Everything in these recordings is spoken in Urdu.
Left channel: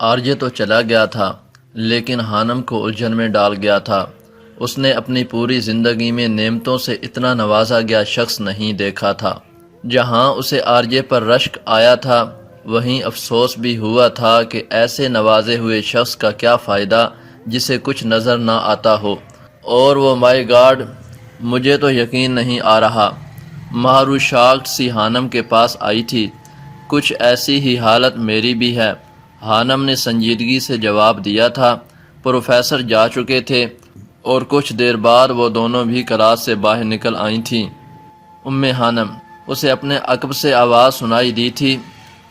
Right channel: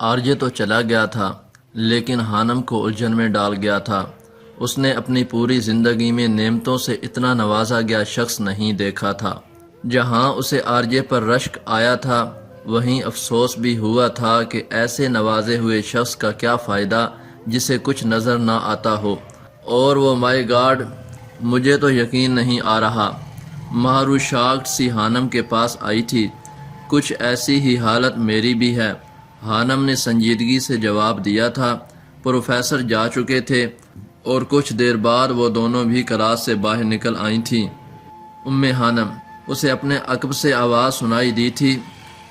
آرجے تو چلا گیا تھا لیکن حانم کو الجھن میں ڈال گیا تھا۔ اس نے اپنی پوری زندگی میں نعمتوں سے اتنا نوازا گیا شخص نہیں دیکھا تھا۔ جہاں اسے آرجے پر رشک آیا تھا وہیں افسوس بھی ہوا تھا کہ ایسے نوازے ہوئے شخص کا کیا فائدہ جسے کچھ نظر نہ آتا ہو۔ اور وہ مائی گاڈ، مجھے تو یقین نہیں آ رہا۔ مہرو شاکڈ سی حانم کے پاس آئی تھی۔ کچھ ایسی ہی حالت میری بھی ہے، حانم نے سنجیدگی سے جواب دیا تھا۔ پروفیسر جا چکے تھے اور کچھ دیر بعد وہ دونوں بھی کلاس سے باہر نکل آئی تھیں۔ حانم، اسے اپنے عقب سے آواز سنائی دی تھی۔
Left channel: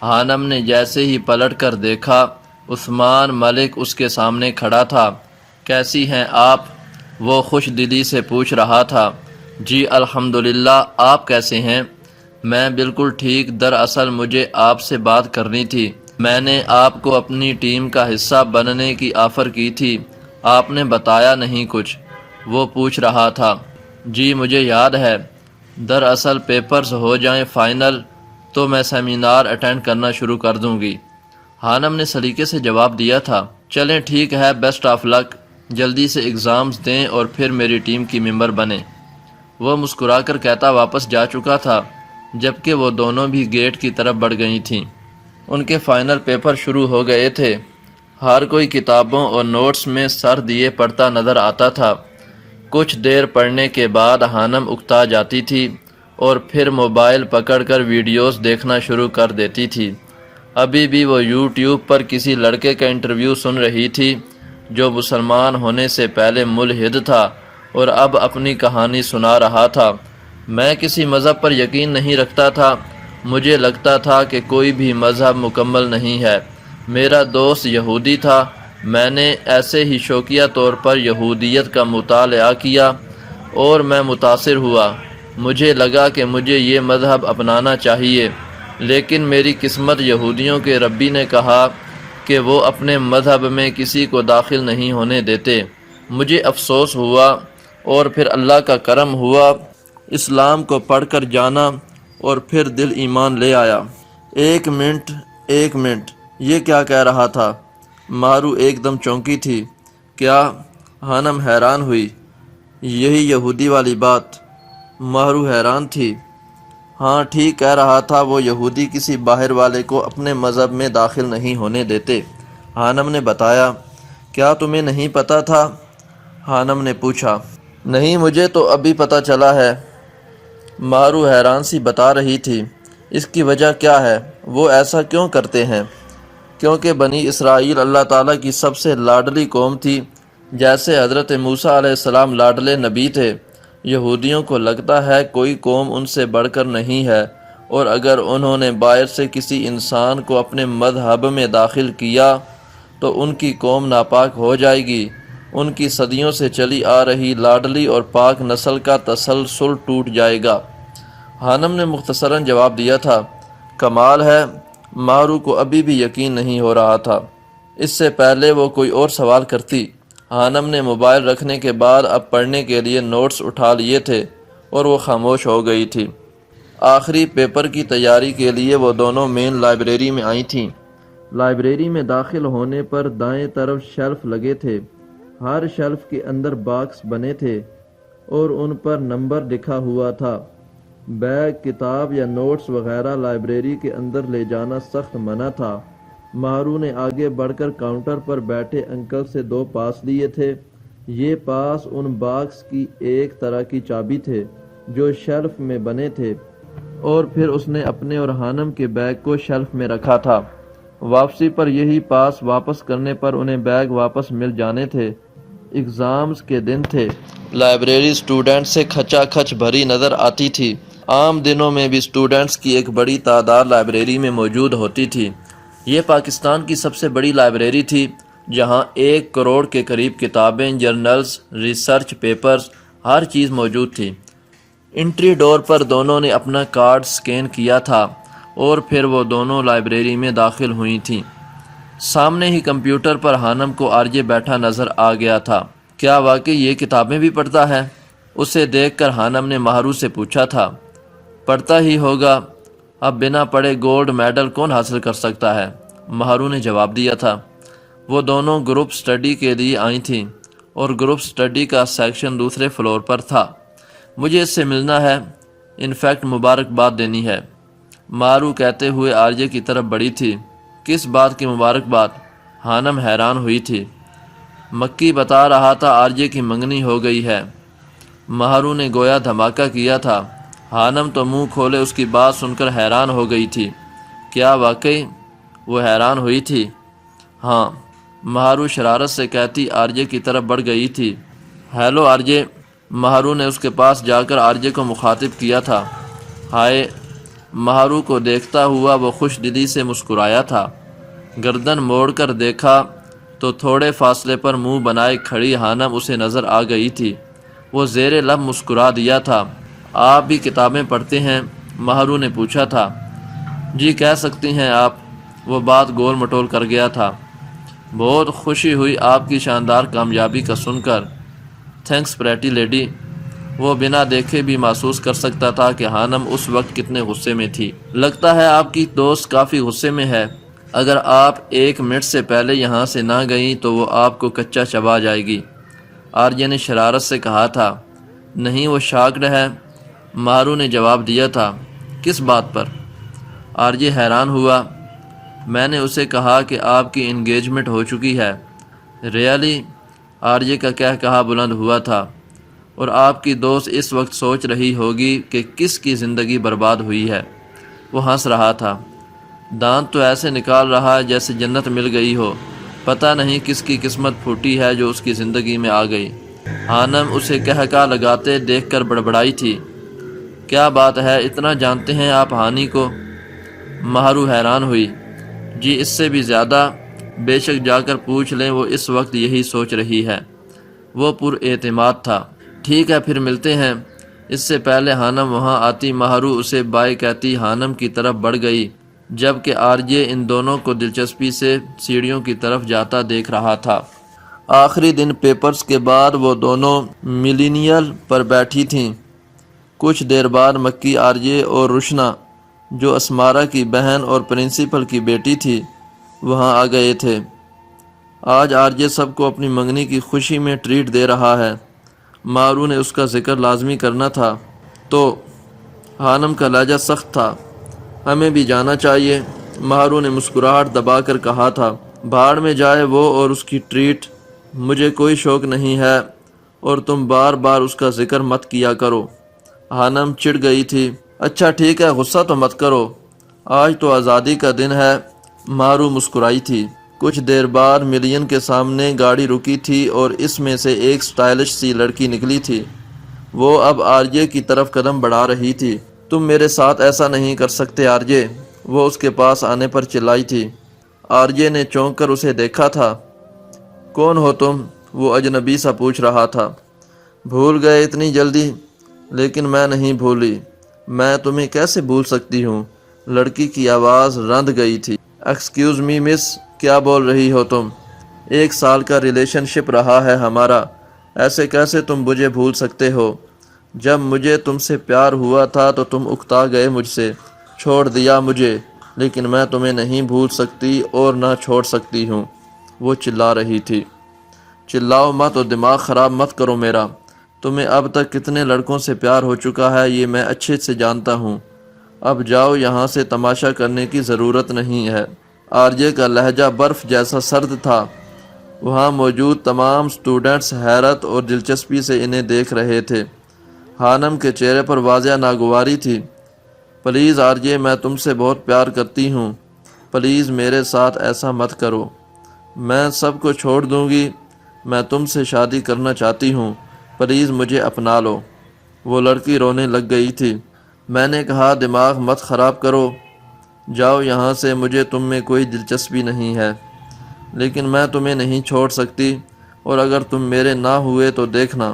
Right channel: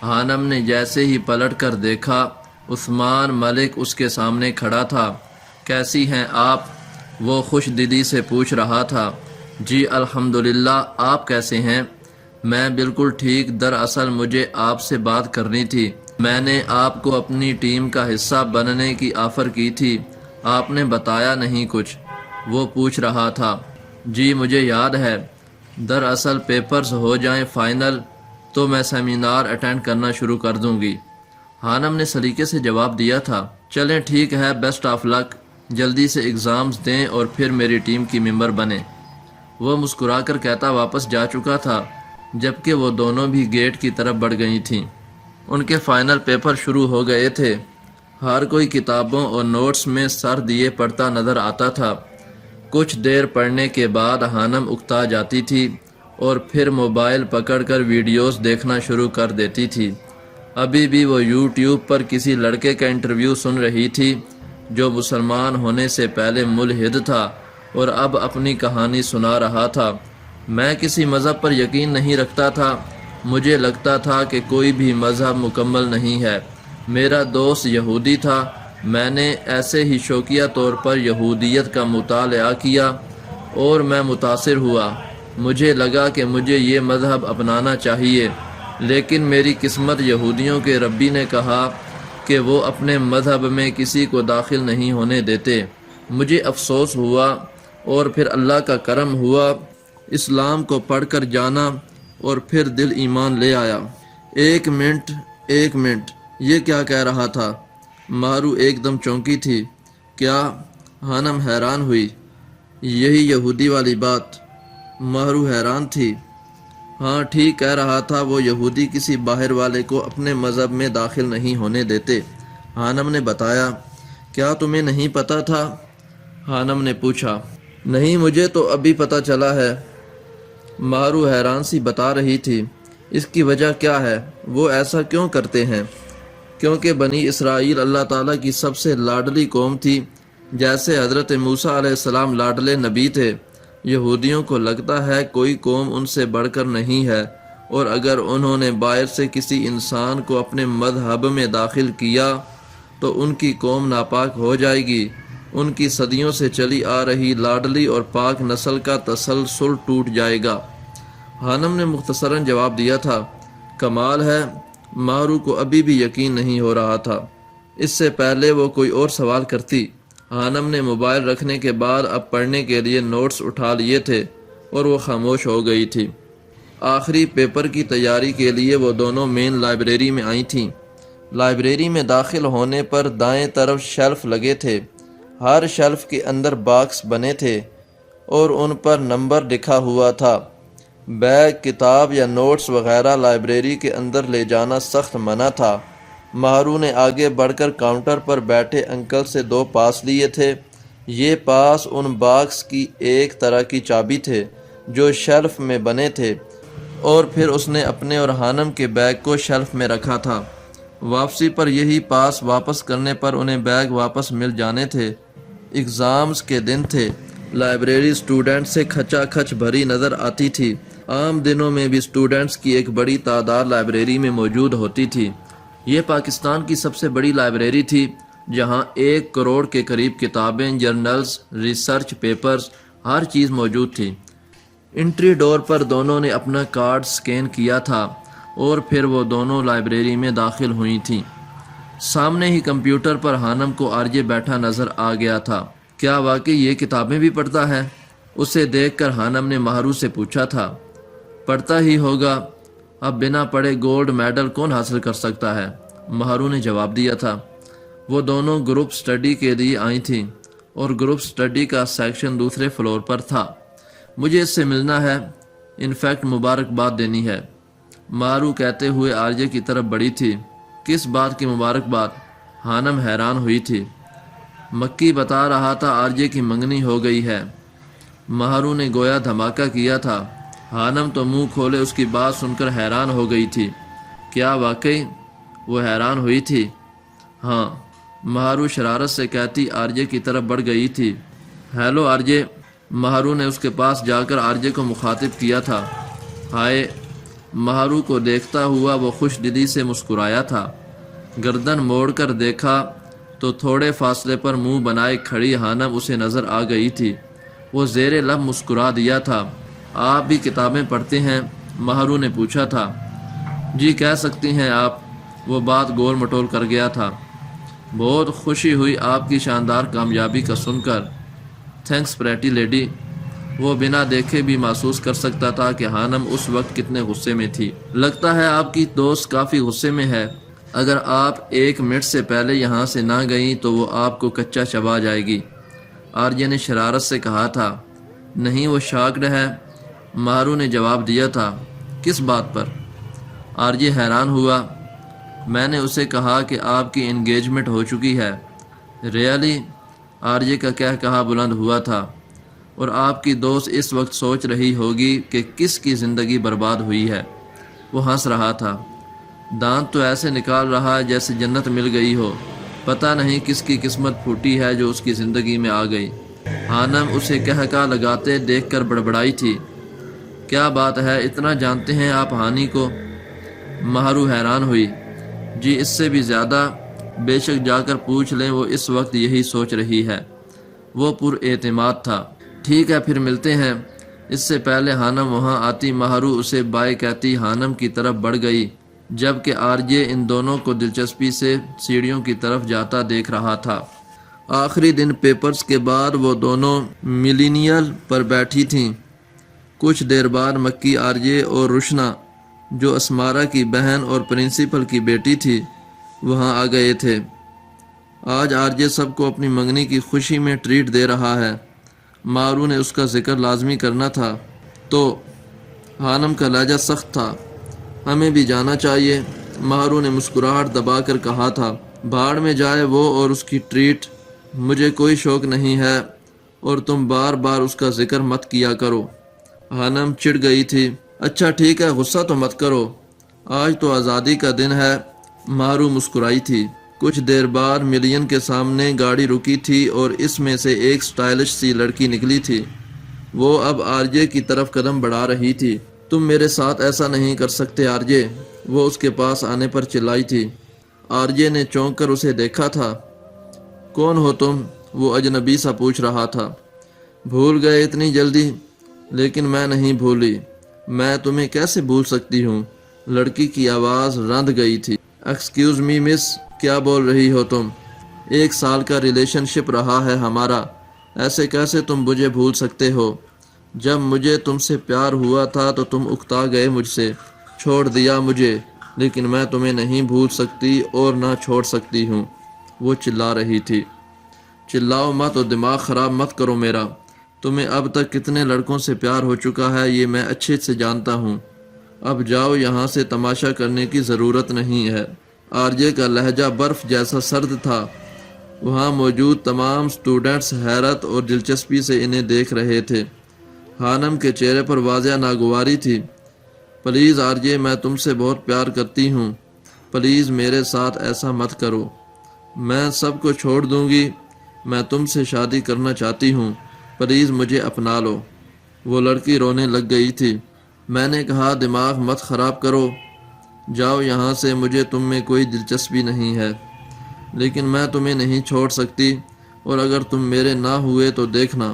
حانم نے جیسے ہی پلٹ کر دیکھا، عثمان ملک اس کے سامنے کھڑا تھا۔ کیسی ہیں آپ؟ وہ خوش دلی سے پوچھ رہا تھا۔ جی الحمدللہ، آپ کیسے ہیں؟ میں بالکل ٹھیک، دراصل مجھے آپ سے بات کرنی تھی۔ میں نے آپ کو اپنی ٹیم کا حصہ بننے کی آفر کی تھی، آپ نے بتایا نہیں کچھ، وہ پوچھ رہا تھا۔ جی مجھے یاد ہے، دراصل پیپرز ہو جائیں فائنل تو میں سیمینار اٹینڈ کرنا شروع کر دوں گی، حانم نے سلیقے سے جواب دیا تھا۔ چلیں ٹھیک ہے، بیسٹ آف لک، جلدی سے ایگزامز دیں اور پھر میری ٹیم کی ممبر بنیں، وہ مسکرا کر کہتا واپس جا چکا تھا، جبکہ وہ دونوں بھی گیٹ کی طرف بڑھ گئی تھیں۔ ان کے فائنل پیپر شروع ہو گئے تھے۔ ہر کوئی کتابوں اور نوٹس میں سر دیے پڑھتا نظر آتا تھا۔ کچھ دیر پڑھنے کے بعد حانم اکتا جاتی تھی اور پھر موبائل پکڑ کر ویڈیوز دیکھنا شروع کر دیتی تھی۔ ابھی بھی وہ یوٹیوب پر کسی لڑکے کا انٹرویو سن رہی تھی جو مسلمان ہونے سے پہلے ملحد تھا اور اب اپنی کہانی سنا رہا تھا۔ میں کسی مذہب پر یقین نہیں رکھتا تھا، مجھے لگتا تھا کہ کوئی بھی مذہب مکمل نہیں ہے۔ میرا دوست یہودی تھا، میں نے ایسے ہی شوقیہ طور پر یہودیت کا مطالعہ کیا اور میں متاثر ہوا۔ مجھے لگا کہ مجھے یہ مذہب اپنانا چاہیے، لیکن میری قسمت یہودیوں کے ربی نے کہا کہ وہ اپنے مذہب میں کسی کو داخل نہیں ہونے دیتے۔ مجھے افسوس ہوا اور پھر اللہ کا کرم ہوا، اسلام کو پڑھ کر جانا اور پھر دل ایمان لے آیا۔ ایک منٹ، یہ کیا کہہ رہا تھا؟ مہرو ایک دم چونکی تھی۔ کیا؟ حانم حیران ہوئی۔ یہی یہودی والی بات؟ مہرو حیران تھی۔ ہاں ٹھیک کہہ رہا تھا، وہ یہودی کسی باہر والے کو اپنے مذہب میں داخل نہیں ہونے دیتے، حانم نے بتایا۔ کیا تمہیں نہیں پتا تھا؟ حانم نے پوچھا۔ نہیں، مجھے تو ابھی پتہ چلا ہے، مہرو حیران سی بتا رہی تھی۔ اس کی وجہ کیا ہے؟ وہ ایسا کیوں کرتے ہیں؟ کیونکہ بنی اسرائیل اللہ تعالیٰ کی سب سے لاڈلی قوم تھی، جیسے حضرت موسیٰ علیہ السلام لاڈلے نبی تھے۔ یہودیوں کو لگتا ہے کوئی قوم ان سے بڑھ کر نہیں ہے، اور اگر انہوں نے باہر سے کسی انسان کو اپنے مذہب میں داخل کیا تو ان کی قوم ناپاک ہو جائے گی، ان کی صدیوں سے چلی آ رہی لاڈلی اور پاک نسل کا تسلسل ٹوٹ جائے گا، حانم نے مختصراً جواب دیا تھا۔ کمال ہے، مہرو کو ابھی بھی یقین نہیں ہو رہا تھا۔ اس سے پہلے وہ کوئی اور سوال کرتی۔ حانم نے موبائل رکھنے کے بعد اب پڑھنے کے لیے نوٹس اٹھا لیے تھے اور وہ خاموش ہو گئی تھی۔ آخری پیپر کی تیاری کے لیے وہ دونوں مین لائبریری میں آئی تھیں۔ لائبریری میں داخل ہونے پر دائیں طرف شیلف لگے تھے، ہر شیلف کے اندر باکس بنے تھے اور ان پر نمبر لکھا ہوا تھا۔ بیگ، کتاب یا نوٹس وغیرہ لائبریری کے اندر لے جانا سخت منع تھا۔ مہرو نے آگے بڑھ کر کاؤنٹر پر بیٹھے انکل سے 2 پاس لیے تھے۔ یہ پاس ان باکس کی ایک طرح کی چابی تھے جو شیلف میں بنے تھے، اور پھر اس نے اپنے اور حانم کے بیگ کو شیلف میں رکھا تھا۔ واپسی پر یہی پاس واپس کرنے پر انہیں بیگ واپس مل جانے تھے۔ ایگزامز کے دن تھے، لائبریری سٹوڈنٹ سے کھچا کھچ بھری نظر آتی تھی۔ عام دنوں میں بھی سٹوڈنٹس کی ایک بڑی تعداد لائبریری میں موجود ہوتی تھی۔ یہ پاکستان کی سب سے بڑی لائبریری تھی، جہاں 1 کروڑ کے قریب کتابیں، جرنلز، ریسرچ پیپرز، ہر چیز موجود تھی۔ انٹری ڈور پر دونوں نے اپنا کارڈ سکین کیا تھا اور پھر وہ دونوں لائبریری میں داخل ہوئی تھیں۔ سامنے ہی کمپیوٹر پر حانم کو آرجے بیٹھا نظر آ گیا تھا۔ کیا واقعی یہ کتابیں بھی پڑھتا ہے؟ اسے دیکھ کر حانم نے مہرو سے پوچھا تھا۔ پڑھتا ہی ہوگا، اب بنا پڑھے گولڈ میڈل کون حاصل کر سکتا ہے؟ مہرو نے جواب دیا تھا۔ وہ دونوں گروپ سٹڈی کے لیے آئی تھیں اور گروپ سٹڈی کا سیکشن دوسرے فلور پر تھا۔ مجھے اس سے ملنا ہے، انفیکٹ مبارکباد دینی ہے، مارو کہتے ہوئے آرجے کی طرف بڑھی تھی۔ کس بات کی مبارکباد؟ ہانم حیران ہوئی تھی۔ مکی بتا رہا تھا آرجے کی منگنی ہو گئی ہے۔ مہارو نے گویا دھماکہ کیا تھا۔ ہانم تو منہ کھولے اس کی بات سن کر حیران ہو گئی تھی۔ کیا واقعی؟ وہ حیران ہوئی تھی۔ ہاں، مہارو شرارت سے کہتی آرجے کی طرف بڑھ گئی تھی۔ ہیلو آرجے، مہارو نے اس کے پاس جا کر آرجے کو مخاطب کیا تھا۔ ہائے، مہارو کو دیکھتا ہوا وہ خوش دلی سے مسکرایا تھا۔ گردن موڑ کر دیکھا تو تھوڑے فاصلے پر منہ بنائے کھڑی ہانم اسے نظر آ گئی تھی۔ وہ زیر لب مسکرا دیا تھا۔ آپ بھی کتابیں پڑھتے ہیں؟ مہارو نے پوچھا تھا۔ جی کہہ سکتی ہیں آپ، وہ بات گول مٹول کر گیا تھا۔ بہت خوشی ہوئی آپ کی شاندار کامیابی کا سن کر۔ Thanks pretty lady. وہ بنا دیکھے بھی محسوس کر سکتا تھا کہ ہانم اس وقت کتنے غصے میں تھی۔ لگتا ہے آپ کی دوست کافی غصے میں ہے۔ اگر آپ 1 منٹ سے پہلے یہاں سے نہ گئیں تو وہ آپ کو کچا چبا جائے گی، آرجے نے شرارت سے کہا تھا۔ نہیں، وہ شاکڈ ہے، مہارو نے جواب دیا تھا۔ کس بات پر؟ آرجے حیران ہوا۔ میں نے اسے کہا کہ آپ کی انگیجمنٹ ہو چکی ہے۔ ریئلی؟ آرجے کا کہا بلند ہوا تھا۔ اور آپ کی دوست اس وقت سوچ رہی ہوگی کہ کس کی زندگی برباد ہوئی ہے۔ وہ ہنس رہا تھا۔ دانت تو ایسے نکال رہا جیسے جنت مل گئی ہو۔ پتہ نہیں کس کی قسمت پھوٹی ہے جو اس کی زندگی میں آ گئی۔ ہانم اسے کہا لگاتے دیکھ کر بڑبڑائی تھی۔ کیا بات ہے، اتنا جانتے ہیں آپ ہانی کو؟ مہارو حیران ہوئی۔ جی اس سے بھی زیادہ، بے شک جا کر پوچھ لیں، وہ اس وقت یہی سوچ رہی ہے۔ وہ پر اعتماد تھا۔ ٹھیک ہے پھر ملتے ہیں۔ اس سے پہلے ہانم وہاں آتی مہارو اسے بائے کہتی ہانم کی طرف بڑھ گئی، جبکہ آرجے ان دونوں کو دلچسپی سے سیڑھیوں کی طرف جاتا دیکھ رہا تھا۔ آخری دن پیپرز کے بعد وہ دونوں ملینیل پر بیٹھی تھیں۔ کچھ دیر بعد مکی، آرجے اور روشنا، جو اسمارا کی بہن اور پرنسپل کی بیٹی تھی، وہاں آ گئے تھے۔ آج آرجے سب کو اپنی منگنی کی خوشی میں ٹریٹ دے رہا ہے۔ مارو نے اس کا ذکر لازمی کرنا تھا تو ہانم کا لہجہ سخت تھا۔ ہمیں بھی جانا چاہیے، مہارو نے مسکراہٹ دبا کر کہا تھا۔ بھاڑ میں جائے وہ اور اس کی ٹریٹ، مجھے کوئی شوق نہیں ہے، اور تم بار بار اس کا ذکر مت کیا کرو۔ ہانم چڑ گئی تھی۔ اچھا ٹھیک ہے، غصہ تو مت کرو، آج تو آزادی کا دن ہے، مہارو مسکرائی تھی۔ کچھ دیر بعد ملین کے سامنے گاڑی رکی تھی اور اس میں سے ایک سٹائلش سی لڑکی نکلی تھی۔ وہ اب آرجے کی طرف قدم بڑھا رہی تھی۔ تم میرے ساتھ ایسا نہیں کر سکتے آرجے، وہ اس کے پاس آنے پر چلائی تھی۔ آرجے نے چونک کر اسے دیکھا تھا۔ کون ہو تم؟ وہ اجنبی سا پوچھ رہا تھا۔ بھول گئے اتنی جلدی؟ لیکن میں نہیں بھولی، میں تمہیں کیسے بھول سکتی ہوں؟ لڑکی کی آواز رند گئی تھی۔ ایکسکیوز می مس، کیا بول رہی ہو تم؟ 1 سال کا ریلیشن شپ رہا ہے ہمارا، ایسے کیسے تم مجھے بھول سکتے ہو؟ جب مجھے تم سے پیار ہوا تھا تو تم اکتا گئے مجھ سے، چھوڑ دیا مجھے، لیکن میں تمہیں نہیں بھول سکتی اور نہ چھوڑ سکتی ہوں۔ وہ چلا رہی تھی۔ چلاؤ مت اور دماغ خراب مت کرو میرا۔ تمہیں اب تک کتنے لڑکوں سے پیار ہو چکا ہے یہ میں اچھے سے جانتا ہوں۔ اب جاؤ یہاں سے، تماشا کرنے کی ضرورت نہیں ہے۔ آرجے کا لہجہ برف جیسا سرد تھا۔ وہاں موجود تمام سٹوڈنٹس حیرت اور دلچسپی سے انہیں دیکھ رہے تھے۔ ہانم کے چہرے پر واضح ناگواری تھی۔ پلیز آرجے، میں تم سے بہت پیار کرتی ہوں، پلیز میرے ساتھ ایسا مت کرو، میں سب کو چھوڑ دوں گی، میں تم سے شادی کرنا چاہتی ہوں، پلیز مجھے اپنا لو۔ وہ لڑکی رونے لگ گئی تھی۔ میں نے کہا دماغ مت خراب کرو، جاؤ یہاں سے، مجھے تم میں کوئی دلچسپی نہیں ہے، لیکن میں تمہیں نہیں چھوڑ سکتی، اور اگر تم میرے نہ ہوئے تو دیکھنا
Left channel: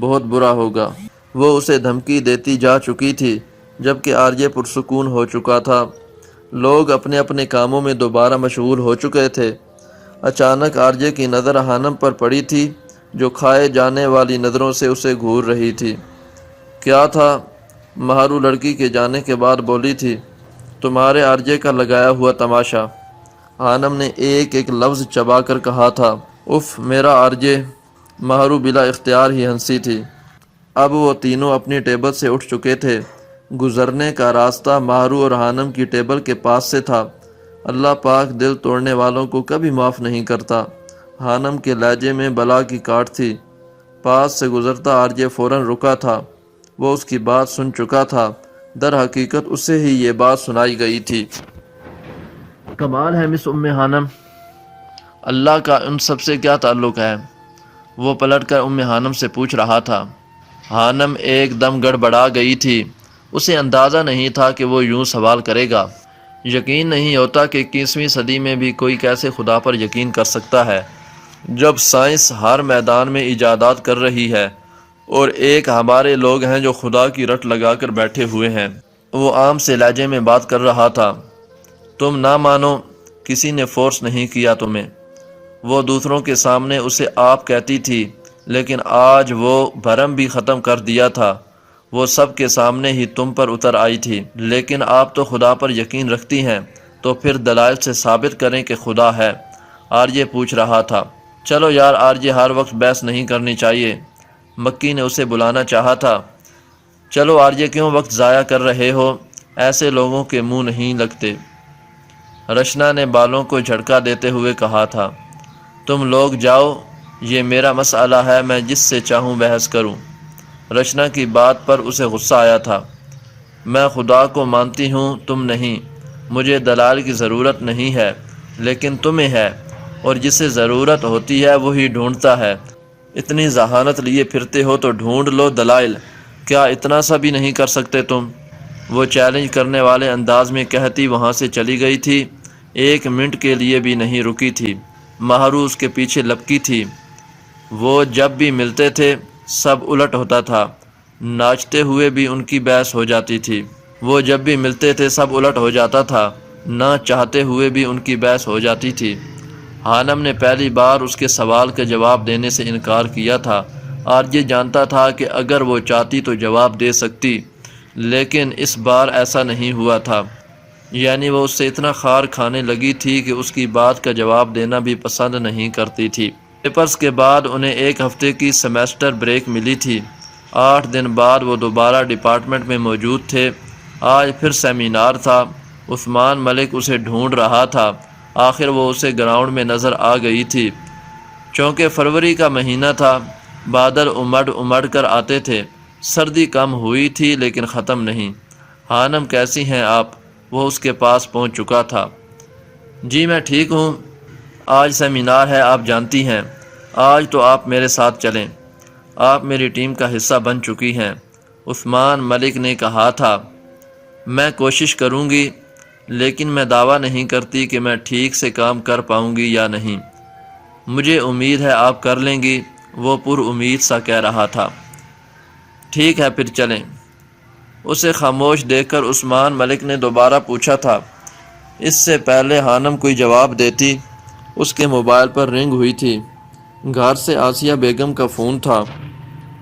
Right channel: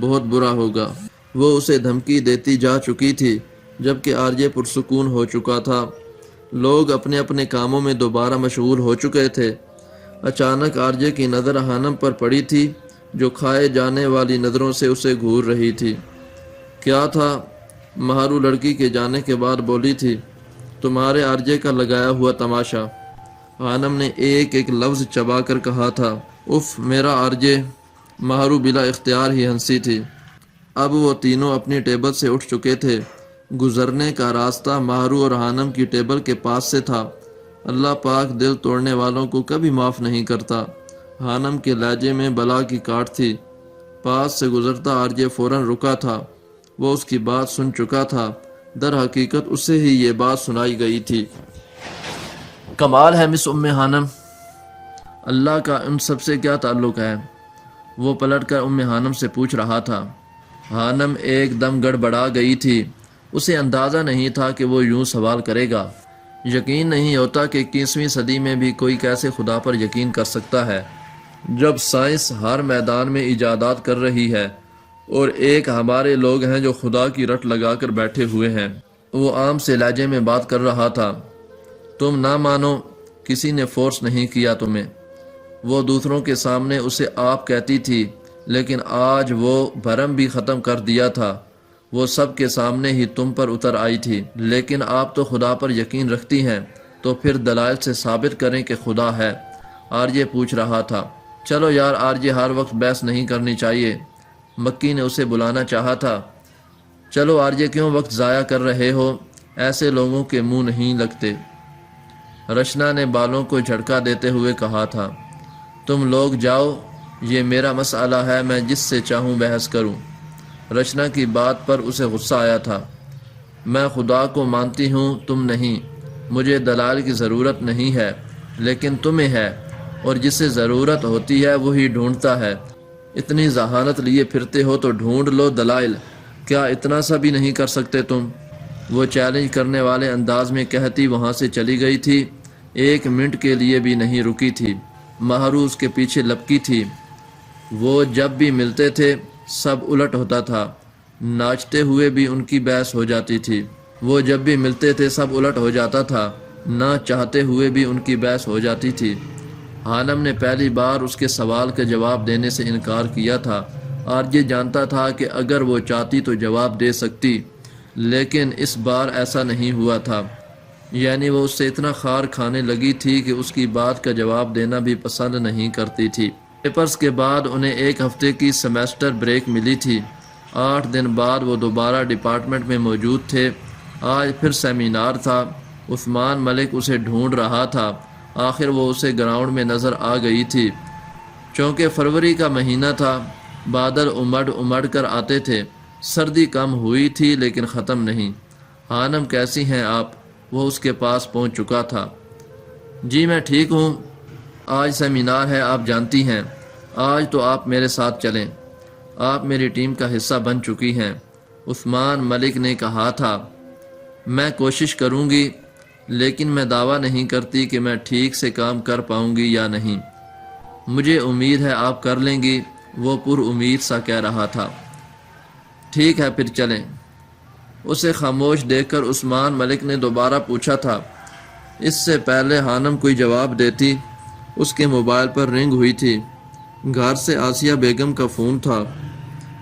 بہت برا ہوگا۔ وہ اسے دھمکی دیتی جا چکی تھی، جبکہ آرجے پرسکون ہو چکا تھا۔ لوگ اپنے اپنے کاموں میں دوبارہ مشغول ہو چکے تھے۔ اچانک آرجے کی نظر ہانم پر پڑی تھی، جو کھائے جانے والی نظروں سے اسے گھور رہی تھی۔ کیا تھا؟ مہارو لڑکی کے جانے کے بعد بولی تھی۔ تمہارے آرجے کا لگایا ہوا تماشا۔ حانم نے ایک ایک لفظ چبا کر کہا تھا، اف میرا آرجے۔ مہرو بلا اختیار ہی ہنسی تھی۔ اب وہ تینوں اپنی ٹیبل سے اٹھ چکے تھے۔ گزرنے کا راستہ مہرو اور حانم کی ٹیبل کے پاس سے تھا۔ اللہ پاک دل توڑنے والوں کو کبھی معاف نہیں کرتا۔ حانم کے لہجے میں بلا کی کاٹ تھی۔ پاس سے گزرتا آرجے فوراً رکا تھا۔ وہ اس کی بات سن چکا تھا۔ در حقیقت اسے ہی یہ بات سنائی گئی تھی۔ کمال ہے مس حانم، اللہ کا ان سب سے کیا تعلق ہے؟ وہ پلٹ کر حانم سے پوچھ رہا تھا۔ حانم ایک دم گڑبڑا گئی تھی۔ اسے اندازہ نہیں تھا کہ وہ یوں سوال کرے گا۔ یقین نہیں ہوتا کہ 21ویں صدی میں بھی کوئی کیسے خدا پر یقین کر سکتا ہے، جب سائنس ہر میدان میں ایجادات کر رہی ہے، اور ایک ہمارے لوگ ہیں جو خدا کی رٹ لگا کر بیٹھے ہوئے ہیں۔ وہ عام سے لہجے میں بات کر رہا تھا۔ تم نہ مانو، کسی نے فورس نہیں کیا تمہیں۔ وہ دوسروں کے سامنے اسے آپ کہتی تھی، لیکن آج وہ بھرم بھی ختم کر دیا تھا۔ وہ سب کے سامنے ہی تم پر اتر آئی تھی۔ لیکن آپ تو خدا پر یقین رکھتی ہیں، تو پھر دلائل سے ثابت کریں کہ خدا ہے، آرجے پوچھ رہا تھا۔ چلو یار آرجے، ہر وقت بحث نہیں کرنی چاہیے، مکی نے اسے بلانا چاہا تھا۔ چلو آرجے، کیوں وقت ضائع کر رہے ہو؟ ایسے لوگوں کے منہ نہیں لگتے۔ رچنا نے بالوں کو جھٹکا دیتے ہوئے کہا تھا۔ تم لوگ جاؤ، یہ میرا مسئلہ ہے، میں جس سے چاہوں بحث کروں۔ رچنا کی بات پر اسے غصہ آیا تھا۔ میں خدا کو مانتی ہوں، تم نہیں۔ مجھے دلائل کی ضرورت نہیں ہے، لیکن تمہیں ہے، اور جسے ضرورت ہوتی ہے وہی ڈھونڈتا ہے۔ اتنی ذہانت لیے پھرتے ہو تو ڈھونڈ لو دلائل، کیا اتنا سا بھی نہیں کر سکتے تم؟ وہ چیلنج کرنے والے انداز میں کہتی وہاں سے چلی گئی تھی، ایک منٹ کے لیے بھی نہیں رکی تھی۔ مہرو اس کے پیچھے لپکی تھی۔ وہ جب بھی ملتے تھے سب الٹ ہوتا تھا، ناچتے ہوئے بھی ان کی بحث ہو جاتی تھی۔ وہ جب بھی ملتے تھے سب الٹ ہو جاتا تھا، نہ چاہتے ہوئے بھی ان کی بحث ہو جاتی تھی۔ حانم نے پہلی بار اس کے سوال کا جواب دینے سے انکار کیا تھا۔ آرجے جانتا تھا کہ اگر وہ چاہتی تو جواب دے سکتی، لیکن اس بار ایسا نہیں ہوا تھا۔ یعنی وہ اس سے اتنا خار کھانے لگی تھی کہ اس کی بات کا جواب دینا بھی پسند نہیں کرتی تھی۔ پیپرز کے بعد انہیں ایک ہفتے کی سیمیسٹر بریک ملی تھی۔ 8 دن بعد وہ دوبارہ ڈپارٹمنٹ میں موجود تھے۔ آج پھر سیمینار تھا۔ عثمان ملک اسے ڈھونڈ رہا تھا۔ آخر وہ اسے گراؤنڈ میں نظر آ گئی تھی۔ چونکہ فروری کا مہینہ تھا، بادل امڑ کر آتے تھے۔ سردی کم ہوئی تھی لیکن ختم نہیں۔ حانم کیسی ہیں آپ؟ وہ اس کے پاس پہنچ چکا تھا۔ جی میں ٹھیک ہوں، آج سیمینار ہے، آپ جانتی ہیں۔ آج تو آپ میرے ساتھ چلیں، آپ میری ٹیم کا حصہ بن چکی ہیں، عثمان ملک نے کہا تھا۔ میں کوشش کروں گی، لیکن میں دعویٰ نہیں کرتی کہ میں ٹھیک سے کام کر پاؤں گی یا نہیں۔ مجھے امید ہے آپ کر لیں گی، وہ پر امید سا کہہ رہا تھا۔ ٹھیک ہے پھر چلیں۔ اسے خاموش دیکھ کر عثمان ملک نے دوبارہ پوچھا تھا۔ اس سے پہلے حانم کوئی جواب دیتی، اس کے موبائل پر رنگ ہوئی تھی۔ گھر سے آسیہ بیگم کا فون تھا۔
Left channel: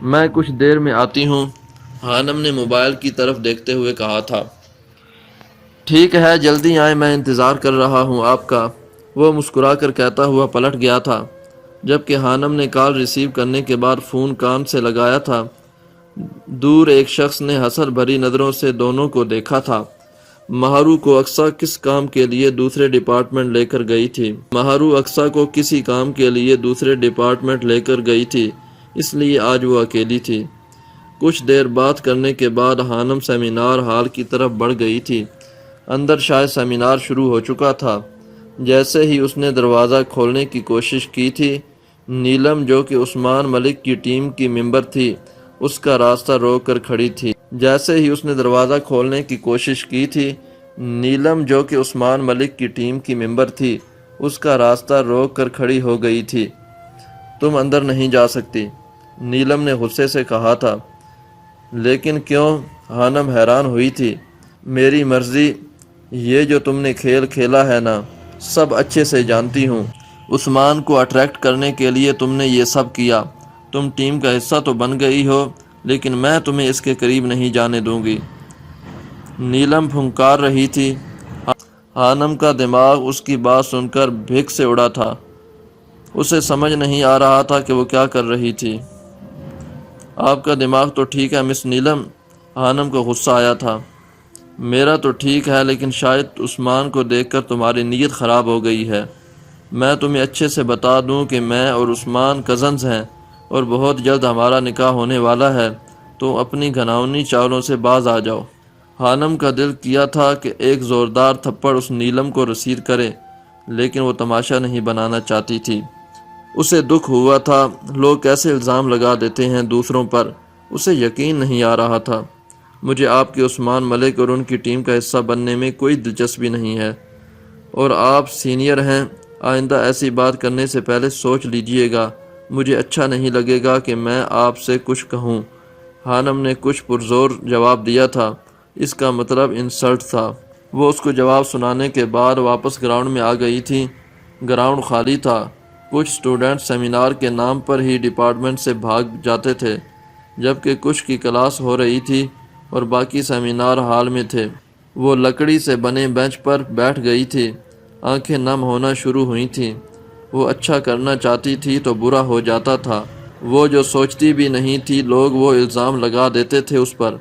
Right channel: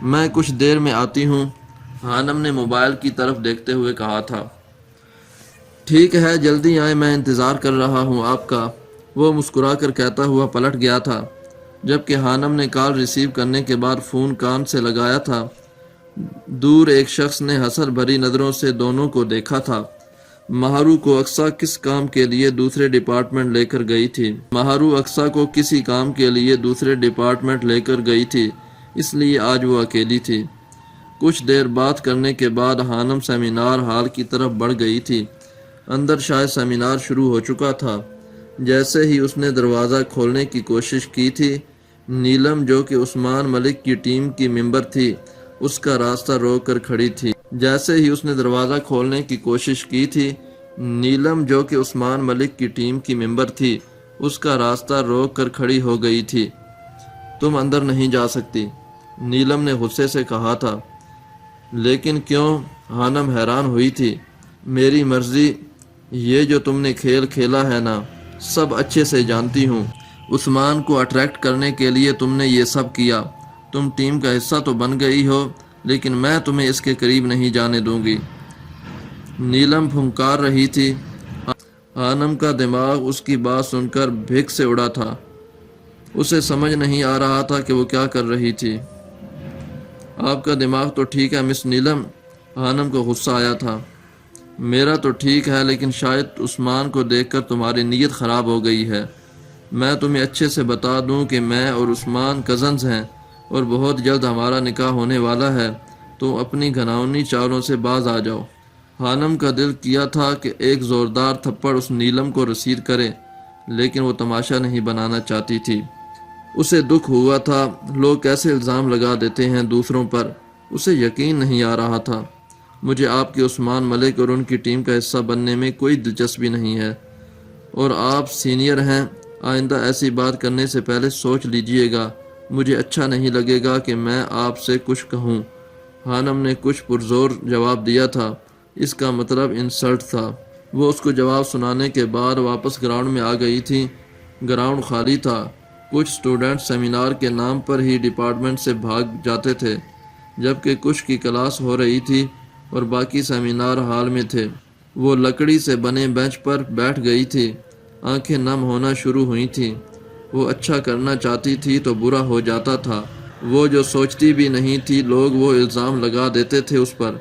میں کچھ دیر میں آتی ہوں، حانم نے موبائل کی طرف دیکھتے ہوئے کہا تھا۔ ٹھیک ہے جلدی آئیں، میں انتظار کر رہا ہوں آپ کا، وہ مسکرا کر کہتا ہوا پلٹ گیا تھا۔ جبکہ حانم نے کال ریسیو کرنے کے بعد فون کان سے لگایا تھا، دور ایک شخص نے حسد بھری نظروں سے دونوں کو دیکھا تھا۔ مہرو کو اقصیٰ کس کام کے لیے دوسرے ڈپارٹمنٹ لے کر گئی تھی؟ مہرو اقصیٰ کو کسی کام کے لیے دوسرے ڈپارٹمنٹ لے کر گئی تھی، اس لیے آج وہ اکیلی تھی۔ کچھ دیر بات کرنے کے بعد حانم سیمینار ہال کی طرف بڑھ گئی تھی۔ اندر شاید سیمینار شروع ہو چکا تھا۔ جیسے ہی اس نے دروازہ کھولنے کی کوشش کی تھی، نیلم جو کہ عثمان ملک کی ٹیم کی ممبر تھی، اس کا راستہ روک کر کھڑی تھی۔ جیسے ہی اس نے دروازہ کھولنے کی کوشش کی تھی، نیلم جو کہ عثمان ملک کی ٹیم کی ممبر تھی، اس کا راستہ روک کر کھڑی ہو گئی تھی۔ تم اندر نہیں جا سکتی، نیلم نے غصے سے کہا تھا۔ لیکن کیوں؟ حانم حیران ہوئی تھی۔ میری مرضی، یہ جو تم نے کھیل کھیلا ہے نا، سب اچھے سے جانتی ہوں۔ عثمان کو اٹریکٹ کرنے کے لیے تم نے یہ سب کیا۔ تم ٹیم کا حصہ تو بن گئی ہو، لیکن میں تمہیں اس کے قریب نہیں جانے دوں گی۔ نیلم پھنکار رہی تھی۔ حانم کا دماغ اس کی بات سن کر بھیک سے اڑا تھا۔ اسے سمجھ نہیں آ رہا تھا کہ وہ کیا کر رہی تھی۔ آپ کا دماغ تو ٹھیک ہے مس نیلم، حانم کو غصہ آیا تھا۔ میرا تو ٹھیک ہے، لیکن شاید عثمان کو دیکھ کر تمہاری نیت خراب ہو گئی ہے۔ میں تمہیں اچھے سے بتا دوں کہ میں اور عثمان کزنز ہیں اور بہت جلد ہمارا نکاح ہونے والا ہے، تو اپنی گھناؤنی چالوں سے باز آ جاؤ۔ حانم کا دل کیا تھا کہ ایک زوردار تھپڑ اس نیلم کو رسید کرے، لیکن وہ تماشا نہیں بنانا چاہتی تھی۔ اسے دکھ ہوا تھا، لوگ کیسے الزام لگا دیتے ہیں دوسروں پر، اسے یقین نہیں آ رہا تھا۔ مجھے آپ کے عثمان ملک اور ان کی ٹیم کا حصہ بننے میں کوئی دلچسپی نہیں ہے، اور آپ سینئر ہیں، آئندہ ایسی بات کرنے سے پہلے سوچ لیجئے گا۔ مجھے اچھا نہیں لگے گا کہ میں آپ سے کچھ کہوں۔ حانم نے کچھ پرزور جواب دیا تھا، اس کا مطلب انسلٹ تھا۔ وہ اس کو جواب سنانے کے بعد واپس گراؤنڈ میں آ گئی تھی۔ گراؤنڈ خالی تھا، کچھ سٹوڈنٹ سیمینار کے نام پر ہی ڈپارٹمنٹ سے بھاگ جاتے تھے، جبکہ کچھ کی کلاس ہو رہی تھی اور باقی سیمینار ہال میں تھے۔ وہ لکڑی سے بنے بینچ پر بیٹھ گئی تھی، آنکھیں نم ہونا شروع ہوئی تھیں۔ وہ اچھا کرنا چاہتی تھی تو برا ہو جاتا تھا۔ وہ جو سوچتی بھی نہیں تھی، لوگ وہ الزام لگا دیتے تھے اس پر۔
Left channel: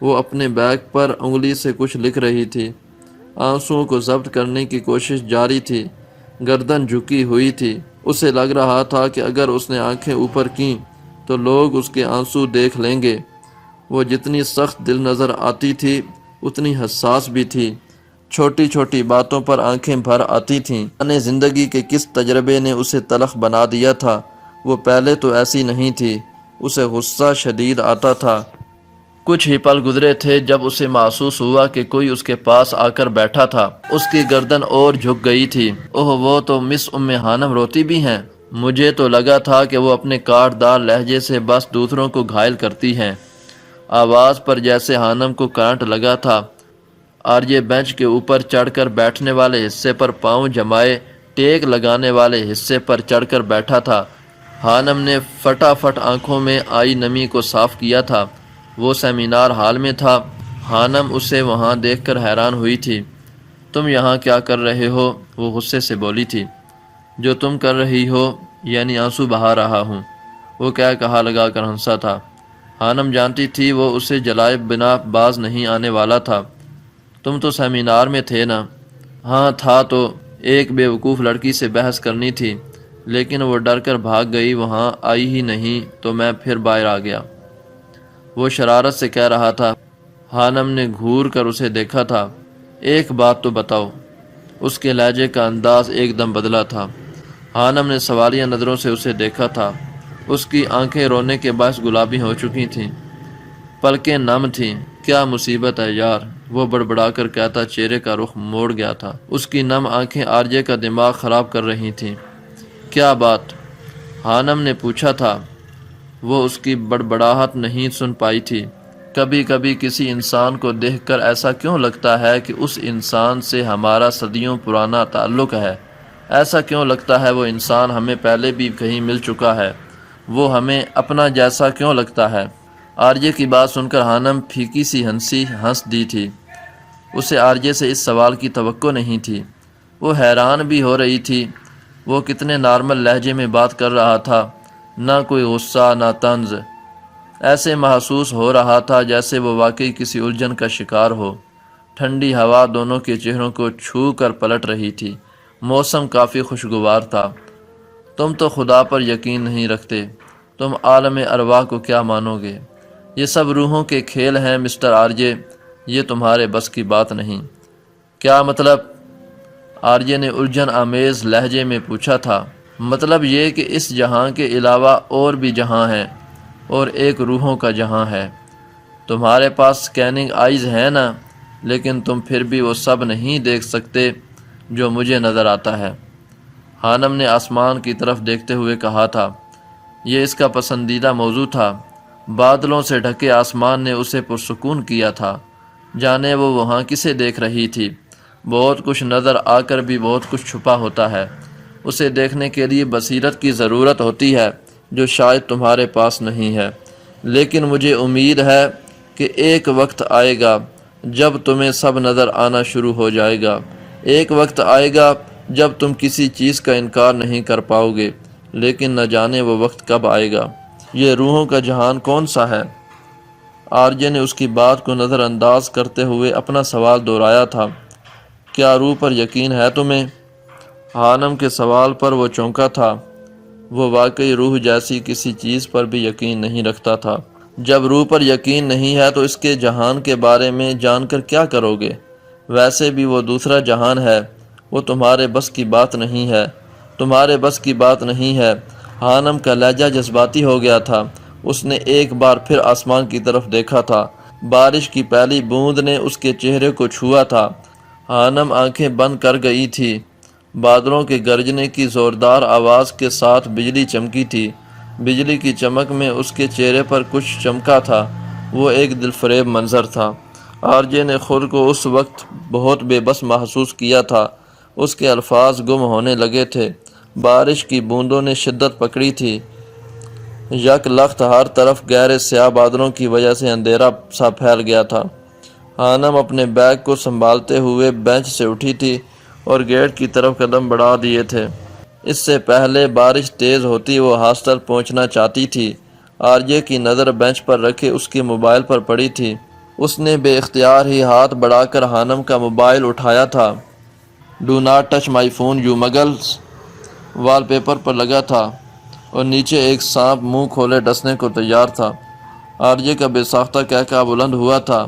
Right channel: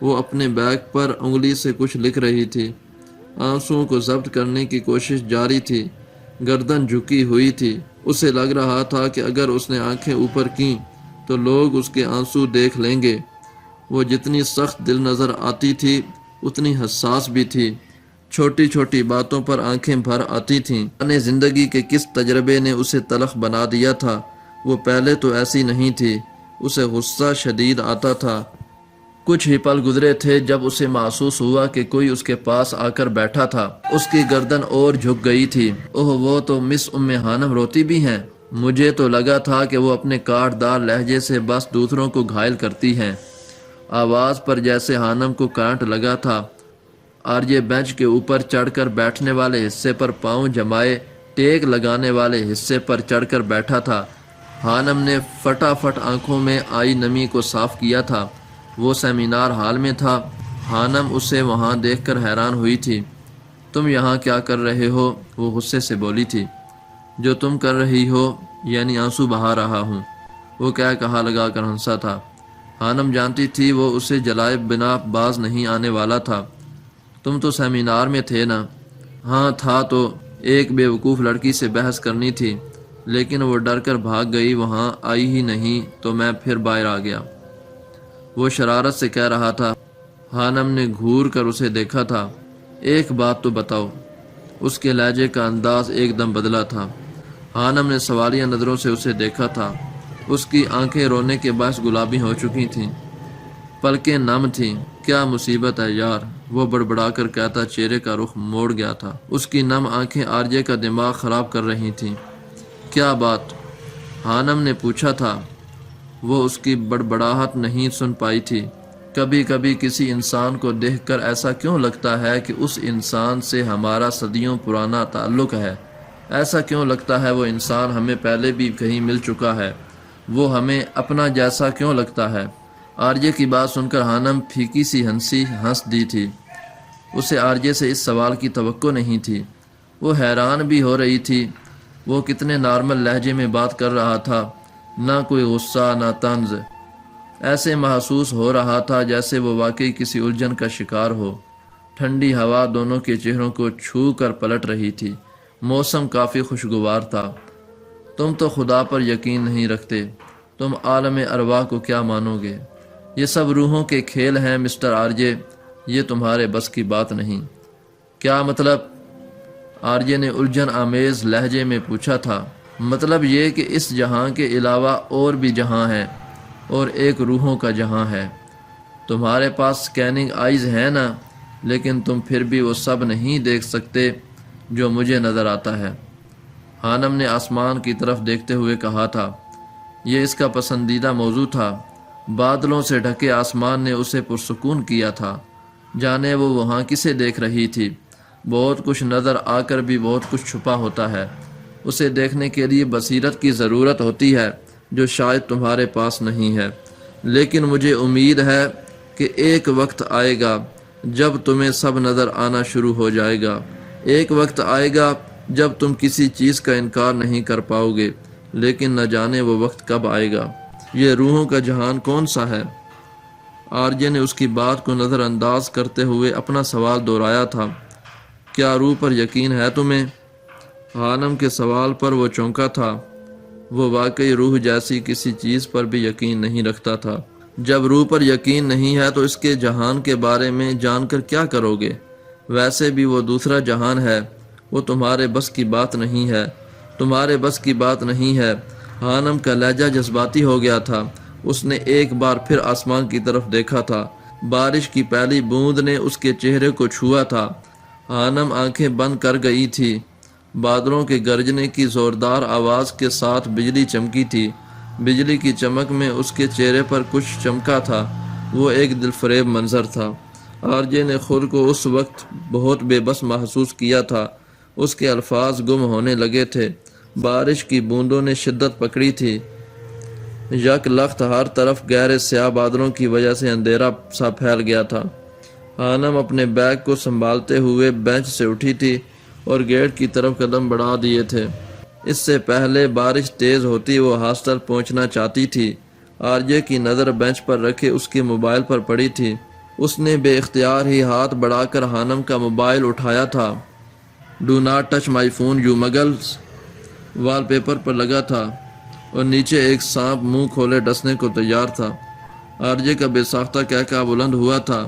وہ اپنے بیگ پر انگلی سے کچھ لکھ رہی تھی، آنسوؤں کو ضبط کرنے کی کوشش جاری تھی، گردن جھکی ہوئی تھی۔ اسے لگ رہا تھا کہ اگر اس نے آنکھیں اوپر کیں تو لوگ اس کے آنسو دیکھ لیں گے۔ وہ جتنی سخت دل نظر آتی تھی اتنی حساس بھی تھی، چھوٹی چھوٹی باتوں پر آنکھیں بھر آتی تھیں۔ اپنے زندگی کے کس تجربے نے اسے تلخ بنا دیا تھا؟ وہ پہلے تو ایسی نہیں تھی۔ اسے غصہ شدید آتا تھا۔ کچھ ہی پل گزرے تھے جب اسے محسوس ہوا کہ کوئی اس کے پاس آ کر بیٹھا تھا۔ اس کی گردن اور جھک گئی تھی۔ اوہ، وہ تو مس حانم روتی بھی ہیں۔ مجھے تو لگا تھا کہ وہ اپنے کاٹ دار لہجے سے بس دوسروں کو گھائل کرتی ہیں۔ آواز پر جیسے حانم کو کرنٹ لگا تھا۔ آرجے بینچ کے اوپر چڑھ کر بیٹھنے والے حصے پر پاؤں جمائے ٹیک لگانے والے حصے پر چڑھ کر بیٹھا تھا۔ حانم نے فٹافٹ آنکھوں میں آئی نمی کو صاف کیا تھا۔ وہ سیمینار ہال میں تھا۔ حانم اسے وہاں دیکھ کر حیران ہوئی تھی۔ تم یہاں کیا کر رہے ہو؟ وہ غصے سے بولی تھی۔ جو تم کر رہی ہو، یعنی آنسو بہا رہا ہوں، وہ کہا لگا کر ہنسا تھا۔ حانم جانتی تھی وہ اسے جلائے بنا باز نہیں آنے والا تھا۔ تم تو سیمینار میں تھے نا؟ ہاں تھا، تو ایک بے وقوف لڑکی سے بحث کرنی تھی، لیکن وہ ڈر کر بھاگ گئی، وہاں آئی ہی نہیں تو میں پھر باہر آ گیا، وہ شرارت سے کہہ رہا تھا۔ حانم نے گھور کر اسے دیکھا تھا۔ ایک بات تو بتاؤ۔ اس کے لہجے کا انداز ایک دم بدلا تھا۔ حانم نے سوالیہ نظروں سے اسے دیکھا تھا۔ اس کی آنکھیں رونے کے باعث گلابی ہو چکی تھیں، پلکیں نم تھیں۔ کیا مصیبت ہے یار، وہ بڑبڑا کر کہتا چہرے کا رخ موڑ گیا تھا۔ اس کی نم آنکھیں آرجے کا دماغ خراب کر رہی تھیں۔ کیا بات؟ حانم نے پوچھا تھا۔ وہ اس کی بڑبڑاہٹ نہیں سن پائی تھی۔ کبھی کبھی کسی انسان کو دیکھ کر ایسا کیوں لگتا ہے کہ اس انسان سے ہمارا صدیوں پرانا تعلق ہے؟ ایسا کیوں لگتا ہے وہ انسان ہمیں پہلے بھی کہیں مل چکا ہے؟ وہ ہمیں اپنا جیسا کیوں لگتا ہے؟ آرجے کی بات سن کر حانم پھیکی سی ہنسی ہنس دی تھی۔ اسے آرجے سے اس سوال کی توقع نہیں تھی۔ وہ حیران بھی ہو رہی تھی۔ وہ کتنے نارمل لہجے میں بات کر رہا تھا، نہ کوئی غصہ نہ طنز۔ ایسے محسوس ہو رہا تھا جیسے وہ واقعی کسی الجھن کا شکار ہو۔ ٹھنڈی ہوا دونوں کے چہروں کو چھو کر پلٹ رہی تھی۔ موسم کافی خوشگوار تھا۔ تم تو خدا پر یقین نہیں رکھتے، تم عالم ارواح کو کیا مانو گے؟ یہ سب روحوں کے کھیل ہیں مسٹر آرجے، یہ تمہارے بس کی بات نہیں۔ کیا مطلب؟ آرجے نے الجھن آمیز لہجے میں پوچھا تھا۔ مطلب یہ کہ اس جہاں کے علاوہ اور بھی جہاں ہیں، اور ایک روحوں کا جہاں ہے۔ تمہارے پاس سکیننگ آئیز ہیں نا، لیکن تم پھر بھی وہ سب نہیں دیکھ سکتے جو مجھے نظر آتا ہے۔ حانم نے آسمان کی طرف دیکھتے ہوئے کہا تھا۔ یہ اس کا پسندیدہ موضوع تھا۔ بادلوں سے ڈھکے آسمان نے اسے پرسکون کیا تھا، جانے وہ وہاں کسے دیکھ رہی تھی۔ بہت کچھ نظر آ کر بھی بہت کچھ چھپا ہوتا ہے۔ اسے دیکھنے کے لیے بصیرت کی ضرورت ہوتی ہے، جو شاید تمہارے پاس نہیں ہے۔ لیکن مجھے امید ہے کہ ایک وقت آئے گا جب تمہیں سب نظر آنا شروع ہو جائے گا۔ ایک وقت آئے گا جب تم کسی چیز کا انکار نہیں کر پاؤ گے، لیکن نہ جانے وہ وقت کب آئے گا۔ یہ روحوں کا جہان کون سا ہے؟ آرجے نے اس کی بات کو نظر انداز کرتے ہوئے اپنا سوال دہرایا تھا۔ کیا روح پر یقین ہے تمہیں؟ حانم کے سوال پر وہ چونکا تھا۔ وہ واقعی روح جیسی کسی چیز پر بھی یقین نہیں رکھتا تھا۔ جب روح پر یقین نہیں ہے تو اس کے جہان کے بارے میں جان کر کیا کرو گے؟ ویسے بھی وہ دوسرا جہان ہے، وہ تمہارے بس کی بات نہیں ہے، تمہارے بس کی بات نہیں ہے۔ حانم کا لہجہ جذباتی ہو گیا تھا۔ اس نے ایک بار پھر آسمان کی طرف دیکھا تھا۔ بارش کی پہلی بوند نے اس کے چہرے کو چھوا تھا۔ حانم آنکھیں بند کر گئی تھی۔ بادلوں کے گرجنے کی زوردار آواز کے ساتھ بجلی چمکی تھی۔ بجلی کی چمک میں اس کے چہرے پر کچھ چمکا تھا۔ وہ ایک دلفریب منظر تھا۔ آرجے نے خود کو اس وقت بہت بے بس محسوس کیا تھا۔ اس کے الفاظ گم ہونے لگے تھے۔ بارش کی بوندوں نے شدت پکڑی تھی۔ یک لخت ہر طرف گہرے سیاہ بادلوں کی وجہ سے اندھیرا سا پھیل گیا تھا۔ حانم اپنے بیگ کو سنبھالتے ہوئے بینچ سے اٹھی تھی اور گیٹ کی طرف قدم بڑھا دیے تھے۔ اس سے پہلے بارش تیز ہوتی وہ ہاسٹل پہنچنا چاہتی تھی۔ آرجے کی نظر بینچ پر رکھے اس کے موبائل پر پڑی تھی۔ اس نے بے اختیار ہی ہاتھ بڑھا کر حانم کا موبائل اٹھایا تھا۔ Do not touch my phone you muggles wallpaper پر لگا تھا اور نیچے ایک سانپ منہ کھولے ڈسنے کو تیار تھا۔ آرجے کا بے ساختہ کہکہا بلند ہوا تھا۔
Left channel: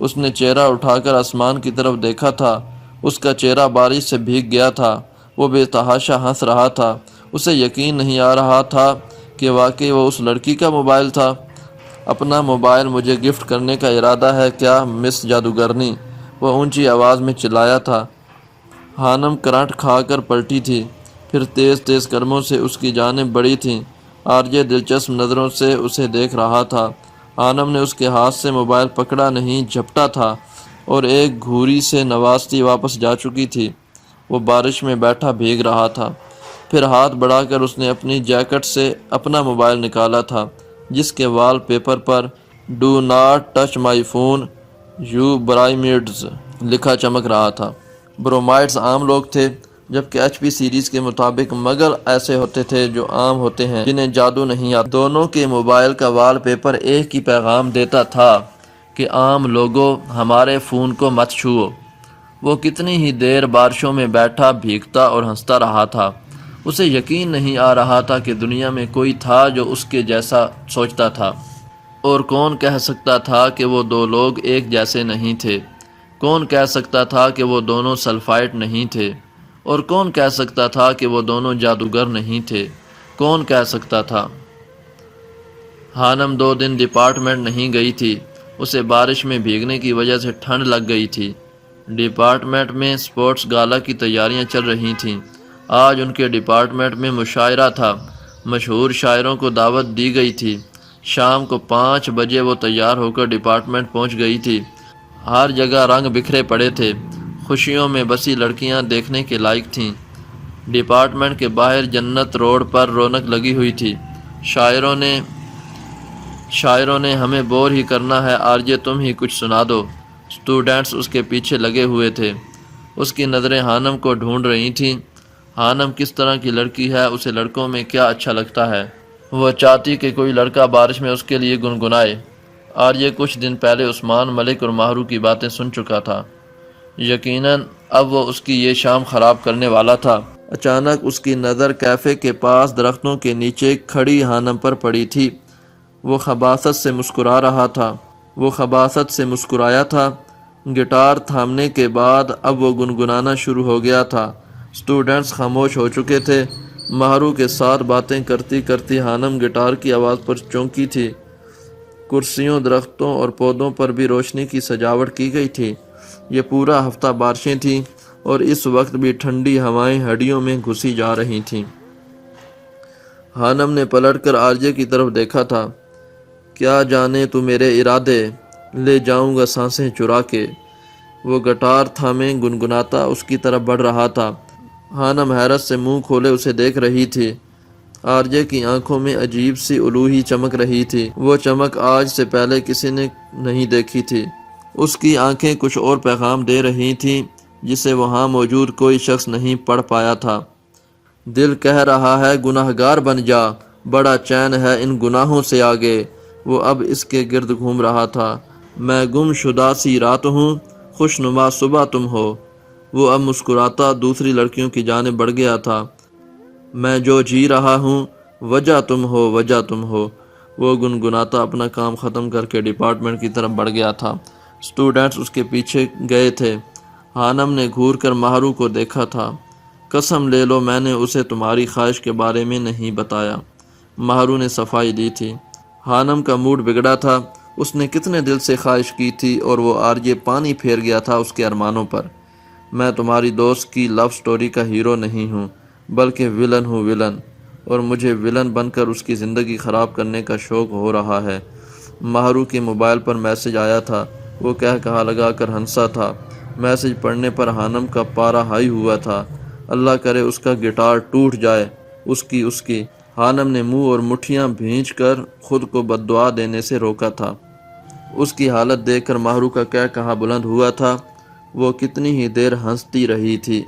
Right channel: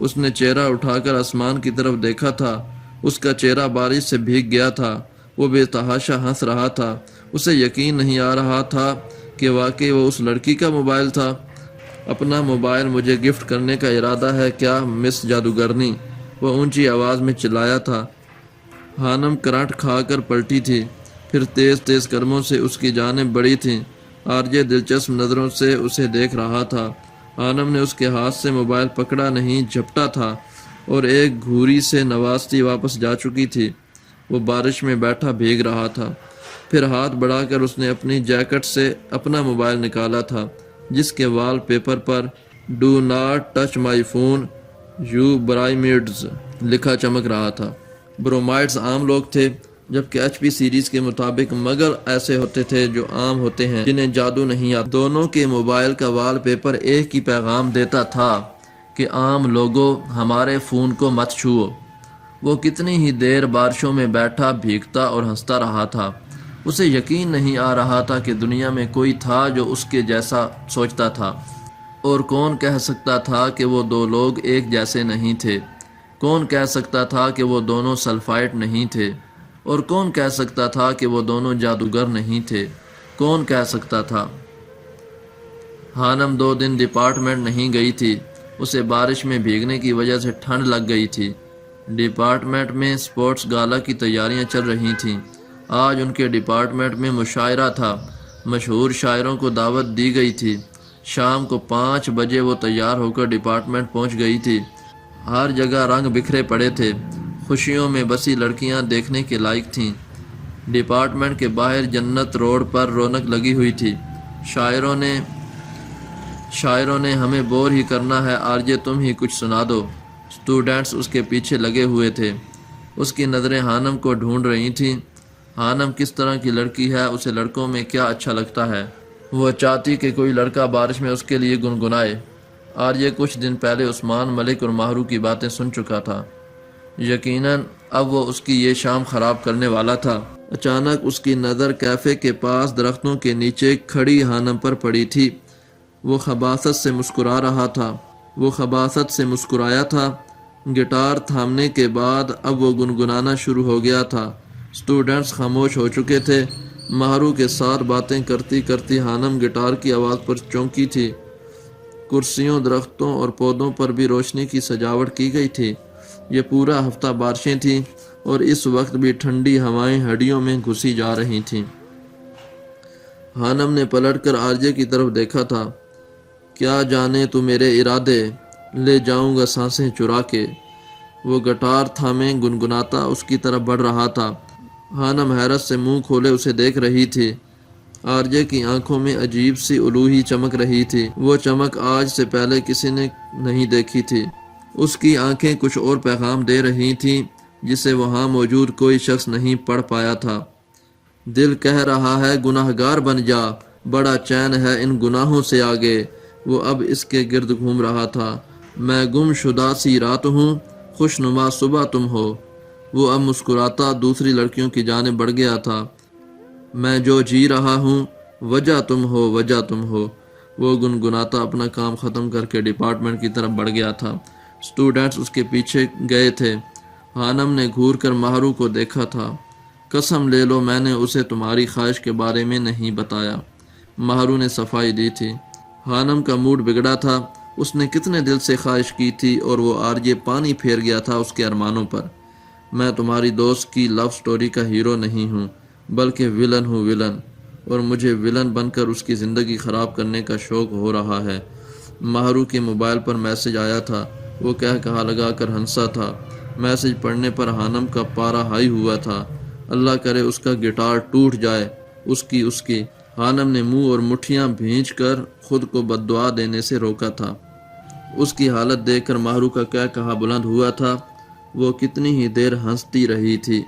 اس نے چہرہ اٹھا کر آسمان کی طرف دیکھا تھا۔ اس کا چہرہ بارش سے بھیگ گیا تھا۔ وہ بے تحاشا ہنس رہا تھا۔ اسے یقین نہیں آ رہا تھا کہ واقعی وہ اس لڑکی کا موبائل تھا۔ اپنا موبائل مجھے گفٹ کرنے کا ارادہ ہے کیا مس جادوگرنی؟ وہ اونچی آواز میں چلایا تھا۔ حانم کرنٹ کھا کر پلٹی تھی، پھر تیز تیز قدموں سے اس کی جانب بڑھی تھی۔ آرجے دلچسپ نظروں سے اسے دیکھ رہا تھا۔ حانم نے اس کے ہاتھ سے موبائل پکڑا نہیں، جھپٹا تھا اور ایک گھوری سے نوازتی واپس جا چکی تھی۔ وہ بارش میں بیٹھا بھیگ رہا تھا۔ پھر ہاتھ بڑھا کر اس نے اپنی جیکٹ سے اپنا موبائل نکالا تھا، جس کے وال پیپر پر do not touch my phone you برائمیڈز لکھا چمک رہا تھا۔ برومائڈز عام لوگ تھے، جبکہ ایچ پی سیریز کے مطابق مگر ایسے ہوتے تھے جو عام ہوتے ہیں، جنہیں جادو نہیں آتا۔ دونوں کے موبائل کا وال پیپر ایک ہی پیغام دیتا تھا کہ عام لوگوں ہمارے فون کو مت چھوؤ۔ وہ کتنی ہی دیر بارشوں میں بیٹھا بھیگتا اور ہنستا رہا تھا۔ اسے یقین نہیں آ رہا تھا کہ دنیا میں کوئی تھا جو اس کے جیسا سوچتا تھا، اور کون کہہ سکتا تھا کہ وہ دو لوگ ایک جیسے نہیں تھے؟ کون کہہ سکتا تھا کہ وہ دونوں سلفائٹ نہیں تھے؟ اور کون کہہ سکتا تھا کہ وہ دونوں جادوگر نہیں تھے؟ کون کہہ سکتا تھا؟ حانم 2 دن ڈپارٹمنٹ نہیں گئی تھی۔ اسے بارش میں بھیگنے کی وجہ سے ٹھنڈ لگ گئی تھی۔ ڈپارٹمنٹ میں سپورٹس گالا کی تیاریاں چل رہی تھیں۔ آج ان کے ڈپارٹمنٹ میں مشاعرہ تھا۔ مشہور شاعروں کو دعوت دی گئی تھی۔ شام کو 5 بجے وہ تیار ہو کر ڈپارٹمنٹ پہنچ گئی تھی۔ ہر جگہ رنگ بکھرے پڑے تھے۔ خوشیوں میں بسی لڑکیاں دیکھنے کے لائق تھیں۔ ڈپارٹمنٹ کے باہر جنت روڈ پر رونق لگی ہوئی تھی۔ شاعروں نے ہمیں بور ہی کرنا ہے، آرجے تم ہی کچھ سنا دو۔ اسٹوڈنٹس اس کے پیچھے لگے ہوئے تھے۔ اس کی نظریں حانم کو ڈھونڈ رہی تھیں۔ حانم کس طرح کی لڑکی ہے؟ اسے لڑکوں میں کیا اچھا لگتا ہے؟ وہ چاہتی کہ کوئی لڑکا بارش میں اس کے لیے گنگنائے۔ آرجے کچھ دن پہلے عثمان ملک اور ماہرو کی باتیں سن چکا تھا۔ یقیناً اب وہ اس کی یہ شام خراب کرنے والا تھا۔ اچانک اس کی نظر کیفے کے پاس درختوں کے نیچے کھڑی حانم پر پڑی تھی۔ وہ خباثت سے مسکرایا تھا۔ گٹار تھامنے کے بعد اب وہ گنگنانا شروع ہو گیا تھا۔ اسٹوڈنٹس خاموش ہو چکے تھے۔ ماہرو کے ساتھ باتیں کرتی کرتی حانم گٹار کی آواز پر چونکی تھی۔ کرسیوں، درختوں اور پودوں پر بھی روشنی کی سجاوٹ کی گئی تھی۔ یہ پورا ہفتہ بارشیں تھیں اور اس وقت بھی ٹھنڈی ہوائیں ہڈیوں میں گھسی جا رہی تھیں۔ حانم نے پلٹ کر آرجے کی طرف دیکھا تھا۔ کیا جانے تو میرے ارادے، لے جاؤں گا سانسیں چرا کے۔ وہ گٹار تھامے گنگناتا اس کی طرف بڑھ رہا تھا۔ حانم حیرت سے منہ کھولے اسے دیکھ رہی تھی۔ آرجے کی آنکھوں میں عجیب سی الوہی چمک رہی تھی۔ وہ چمک آج سے پہلے کسی نے نہیں دیکھی تھی۔ اس کی آنکھیں کچھ اور پیغام دے رہی تھیں۔ جسے وہاں موجود کوئی شخص نہیں پڑھ پایا تھا۔ دل کہہ رہا ہے گناہگار بن جا، بڑا چین ہے ان گناہوں سے آگے۔ وہ اب اس کے گرد گھوم رہا تھا۔ میں گم شدہ سی رات ہوں، خوش نما صبح تم ہو۔ وہ اب مسکراتا دوسری لڑکیوں کی جانب بڑھ گیا تھا۔ میں جو جی رہا ہوں، وجہ تم ہو، وجہ تم ہو۔ وہ گنگناتا اپنا کام ختم کر کے ڈپارٹمنٹ کی طرف بڑھ گیا تھا۔ اسٹوڈنٹس اس کے پیچھے گئے تھے۔ ہانم نے گھور کر مہرو کو دیکھا تھا۔ قسم لے لو میں نے اسے تمہاری خواہش کے بارے میں نہیں بتایا۔ مہرو نے صفائی دی تھی۔ ہانم کا موڈ بگڑا تھا۔ اس نے کتنے دل سے خواہش کی تھی اور وہ آرجے پانی پھیر گیا تھا اس کے ارمانوں پر۔ میں تمہاری دوست کی لو سٹوری کا ہیرو نہیں ہوں، بلکہ ولن ہوں، ولن، اور مجھے ولن بن کر اس کی زندگی خراب کرنے کا شوق ہو رہا ہے۔ مہرو کے موبائل پر میسج آیا تھا۔ وہ کہا لگا کر ہنسا تھا۔ میسج پڑھنے پر ہانم کا پارا ہائی ہوا تھا۔ اللہ کرے اس کا گٹار ٹوٹ جائے۔ اس کی ہانم نے منہ اور مٹھیاں بھینچ کر خود کو بد دعا دینے سے روکا تھا۔ اس کی حالت دیکھ کر مہرو کا کہا بلند ہوا تھا۔ وہ کتنی ہی دیر ہنستی رہی تھی۔